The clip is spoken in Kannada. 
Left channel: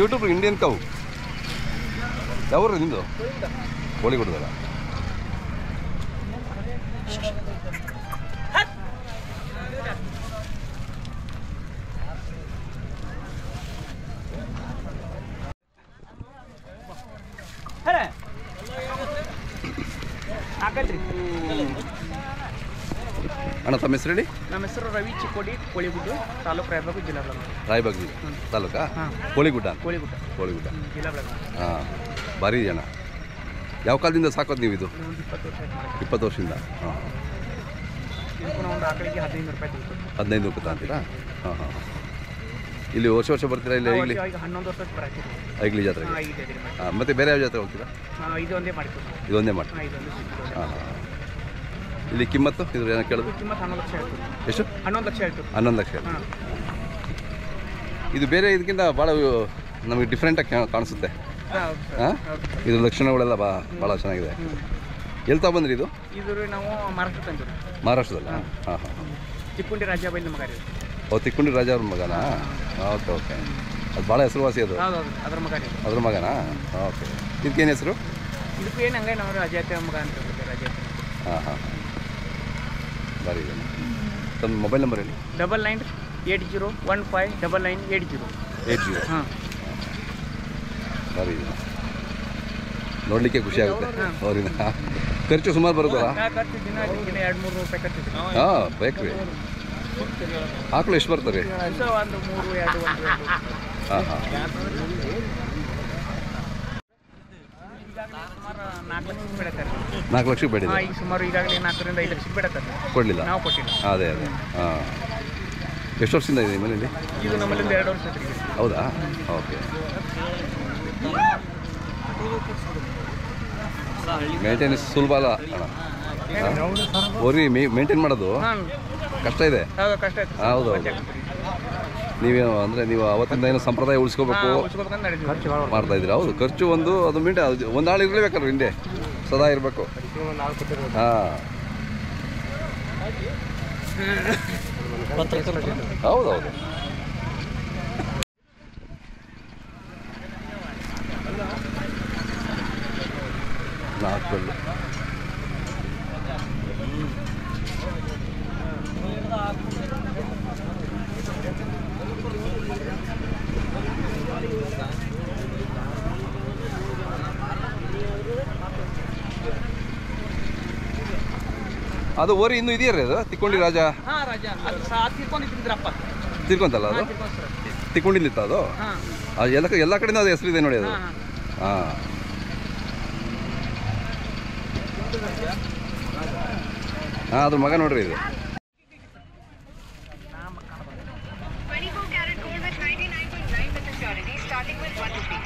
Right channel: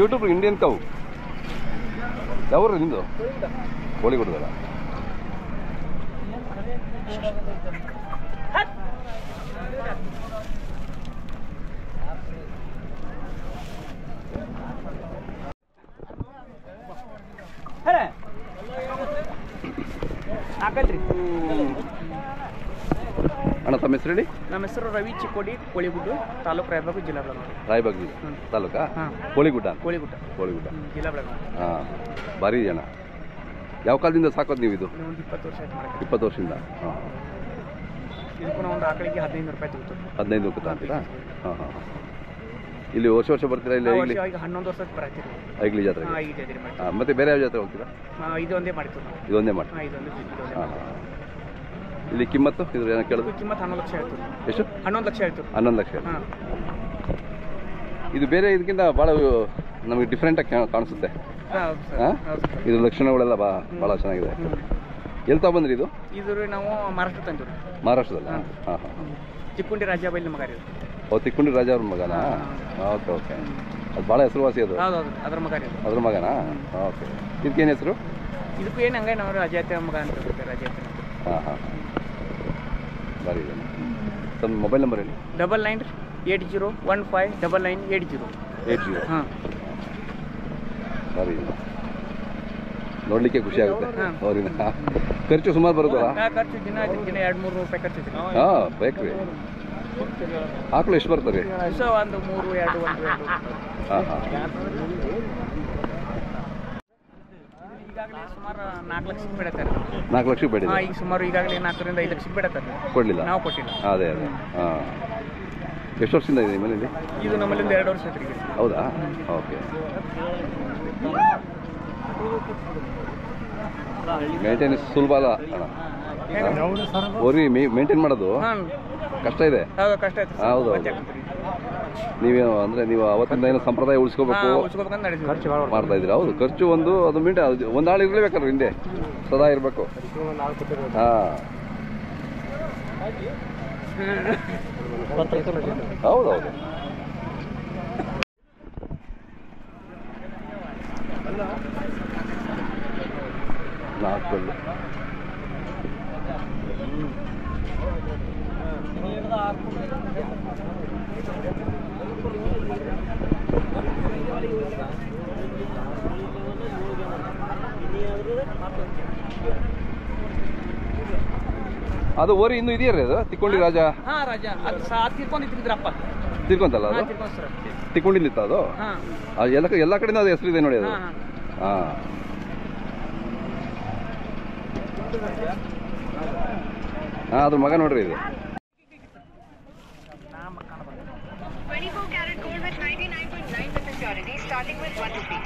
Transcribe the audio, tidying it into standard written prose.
ಯೂಟ್ಯೂಬ್ ಇಂಡಿಯನ್ ಕೌ ಯಾವ್ರು ನಿಂದು ಕೋಳಿಗುಡ್ದಲ್ಲ ಅಣ್ಣ ತಮ್ಮ ಹೆಸರು ಹೇಳಿ. ನಮ್ಮ ಹೆಸರು ರವಿ ಚಿಕ್ಕೋಡಿ, ಕೋಳಿಗುಡ್ಡ, ತಾಲೂಕು ರಾಯಬಾಗ, ಜಿಲ್ಲಾ ಬೆಳಗಾವಿ. ರಾಯಬಾಗ ತಾಲೂಕಾ? ಕೋಳಿಗುಡ್ಡ. ಕೋಳಿಗುಡ್ಡ ಜಿಲ್ಲಾ ಬೆಳಗಾವಿ. ಹಾಂ, ಭಾರಿ ಅಣ್ಣ. ಯಾವ ಕಾಲದಿಂದ ಸಾಕೋದು ನೀವು ಇದು? 20 ವರ್ಷ ಆಯ್ತು. 20 ವರ್ಷದಿಂದ. ಹಾಂ, ಇದಕ್ಕೂ ನಾವು ಒಂದು ಆಕಳಿಗೆ 15 ರೂಪಾಯಿ ತೆಗಿತು. 15 ರೂಪಾಯಿ ತಗೊಂತೀರಾ? ಹಾಂ ಹಾಂ. ಇಲ್ಲಿ ವರ್ಷ ಬರ್ತೀರಾ? ಇಲ್ಲಿ ಈಗ 11 ವರ್ಷ ಬರ್ತೀವಿ ಐಗ್ಲಿ ಜಾತ್ರೆ. ಹಾಂ, ಮತ್ತೆ ಬೇರೆ ಯಾವ ಜಾತ್ರೆ ಹೋಗ್ತೀರಾ? ಇದೊಂದೇ ಮಾಡ್ತೀವಿ. ಇದೊಂದೇ ಮಾಡ್ತೀವಿ. ಹಾಂ ಹಾಂ. ಇಲ್ಲಿ ಕಿಮ್ಮತ್ತು ಇದ್ರ ಏನೋ ಕೇಳೋದು? ಕಿಮ್ಮತ್ತು 11 ಲಕ್ಷ ಹೇಳ್ತೀವಿ. ಎಷ್ಟು? 11 ಲಕ್ಷ ಹೇಳ್ತೀವಿ. 11 ಲಕ್ಷ. ಇದು ಬೇರೆ ಇದಕ್ಕಿಂತ ಭಾಳ ನಮಗೆ ಡಿಫ್ರೆಂಟಾಗಿ ಕಾಣಿಸುತ್ತೆ. ಹಾಂ, ಇದು ಲಕ್ಷಣಗಳೆಲ್ಲ ಭಾಳ ಚೆನ್ನಾಗಿದೆ. ಎಲ್ಲಿ ತಗೊಂಡ್ಬಂದ್ರಿ ಇದು? ಇದು ನಾವು ಮಹಾರಾಷ್ಟ್ರ ತಂದಿವಿ. ಮಹಾರಾಷ್ಟ್ರದಲ್ಲ? ಹಾಂ ಹಾಂ. ತಿಕ್ಕೊಂಡಿ ರಾಜ ಬೈಲ್ ಮಗ ರೀ. ಓ, ತಿಕ್ಕೊಂಡಿ ರಾಜ ಅವ್ರ ಮಗನಾ? Okay okay. ಅದು ಭಾಳ ಹೆಸರುವಾಸಿ ಅದು. ಅದ್ರ ಮಗ ರೀ. ಅದ್ರ ಮಗನಾ? ಓಕೆ. ಇದಕ್ಕೇನು ಹೆಸರು? ಇದಕ್ಕೂ ಏನು ಹಂಗೆ ನಾವು ರಾಜಾತೆ ಮಗ ಅಂತ ರಾಜಾತೆ. ಹಾಂ ಹಾಂ. ಬಾರಿ ಇದೆ. ತಮ್ಮ ಮೊಬೈಲ್ ನಂಬರ್ ಹೇಳಿ. 9980159980. 80. ಹಾಂ, ಬಾರಿ ಇದೆ. ನೋಡಲಿಕ್ಕೆ ಖುಷಿ ಆಗುತ್ತೆ ಅವ್ರಿಂದ. ಖರ್ಚು ಸುಮಾರು ಬರುತ್ತಲ್ಲ? ಖರ್ಚು ದಿನ 200-300 ರೂಪಾಯಿ ಖರ್ಚು. ಹಾಂ, ಬೇಕ್ರಿ. ಆಕಳು ಎಷ್ಟು ಬರ್ತದೆ? ಒಂದು 3-2 ಹಾಂ ಹಾಂ. ಈಗಾಗಲೇ ಸುಮಾರು 4 ಲಕ್ಷಕ್ಕೆ ಬೇಡತ್ತಾರೆ. 4 ಲಕ್ಷಕ್ಕೆ ಬೇಡ? ಈಗ ಸುಮಾರು ಈಗಾಗಲೇ 4ರಿಂದ 5 ಲಕ್ಷಕ್ಕೆ ಬೇಡತ್ತಾರೆ. ಕೊಡಲಿಲ್ಲ? ನಾವು ಕೊಟ್ಟಿಲ್ಲ. ಅದೇ ಅದೇ. ಹಾಂ. ಎಷ್ಟು ವರ್ಷದಿಂದ ಇದೆ ಮನೇಲಿ? ಇದು ನಮ್ಮಲ್ಲಿಂದ 2 ವರ್ಷ ಆಯ್ತು. ಹೌದಾ? ಓಕೆ. ಮೇಂಟೆನೆನ್ಸ್ ಸುಲಭ ಅಲ್ಲ ಅಣ್ಣ. ಓರಿ ಮೇಂಟೈನ್ ಮಾಡೋದು ಕಷ್ಟ ಇದೆ. ಕಷ್ಟ ಆಯ್ತು. ಹೌದು. ನೀವೇನು ಅಂದರೆ ನೀವು ಅವತ್ತಿಂದ ಏನೋ ಸಂಪ್ರದಾಯ ಉಳಿಸ್ಕೋಬೇಕು ಮಾಡ್ತಾ ಇದ್ದೀರಾ? ಹೌದು. ಖರ್ಚು ಒಂದು ಅದು ಒಂದು ಆಳು ಇರಲೇಬೇಕಲ್ಲ ಹಿಂದೆ, ಸದಾ ಇರಬೇಕು. ಹಾಂ, ಹೌದೌದು. ನಾಲ್ಕಲ್ಲು. ಅದು ಓರಿ ಇನ್ನೂ ಇದೆಯಾ ರೀ? ಅದು ತಿಕ್ಕೊಂಡಿ ರಾಜ? ಹಾಂ, ರಾಜ. ಅದು ತಿರ್ಕೊಂಡಿದ್ರಪ್ಪ. ತಿರ್ಕೊಂತಲ್ಲ ಅದು? ತಿಕ್ಕೊಂಡಿದ್ದಿತ್ತ ಅದು? ಎಲ್ಲ ಕಡೆಯಿಂದ ಅದು ಹೆಸರಿದೆ ನೋಡಿ ಅದು. ಹಾಂ, ಹಾಂ, ಅದ್ರ ಮಗ ನೋಡ್ರಿ ಇದು. 24 karat gold with 99.9% purity starting with 1 rupee.